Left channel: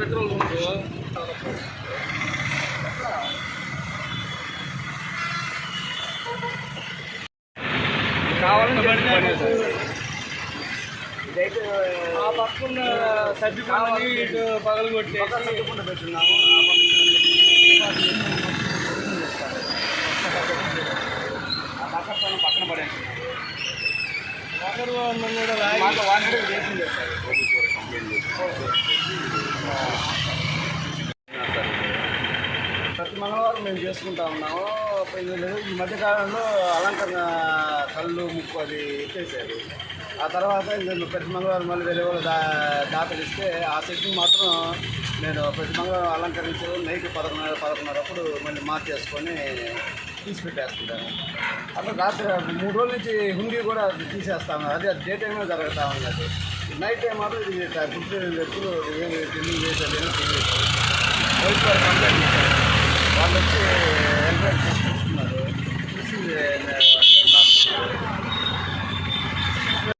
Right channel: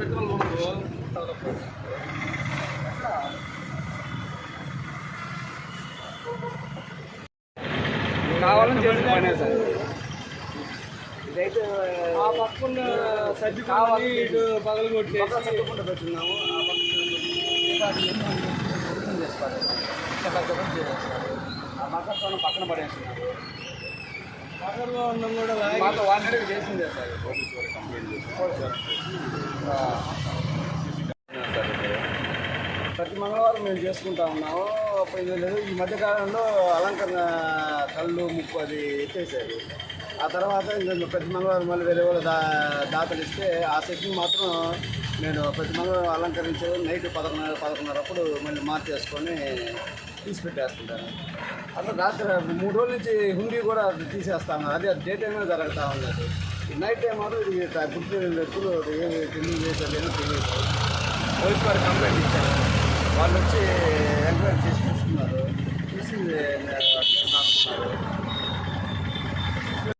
Petrol కావాలని ఇదైతే ఆ పక్కన సర్ది కావాలి ఇటు పగలు కొట్టి సర్దుకుండా పెట్టున్నాము. ఆ పక్కన పక్కన పడేస్తున్నారు. మాతో వాంటెడ్ చేసింది సార్. ప్రతి మంగళవారం మేము చేసుకుంటా ఉన్నాము. ఈ మధ్యకాలంలో అలంకరణ కళ్ళు ముక్కు అది ఎత్తేసారు. ఆ తర్వాత ప్రతి మంగళవారం మళ్ళీ వేరే వాళ్ళు దాతలు ఇస్తే ఆ సెట్ని మాత్రం నేను ప్రతి మంగళవారం అలంకరించే నైట్ 11:30 అప్పుడు మళ్ళీ మార్చేసుకొని తీసి పెట్టేస్తుంటాను. అట్లా రాత్రి 3 రోజుల నుంచి హుండీ కూడా తీసేస్తా ఉన్నారు. అదే డే టైంలో జరుగుతూ ఉన్నది. నైట్ టైం మాత్రం ఇది గుర్తు వ్యక్తులు ఏమి క్లీనింగ్ చేసేది తెలియదు. వైట్ వాళ్ళు కంప్లైంట్ ఇచ్చారు. వాళ్ళు వచ్చి ఎంక్వైరీ చేసి చూసుకున్నారు. చూసి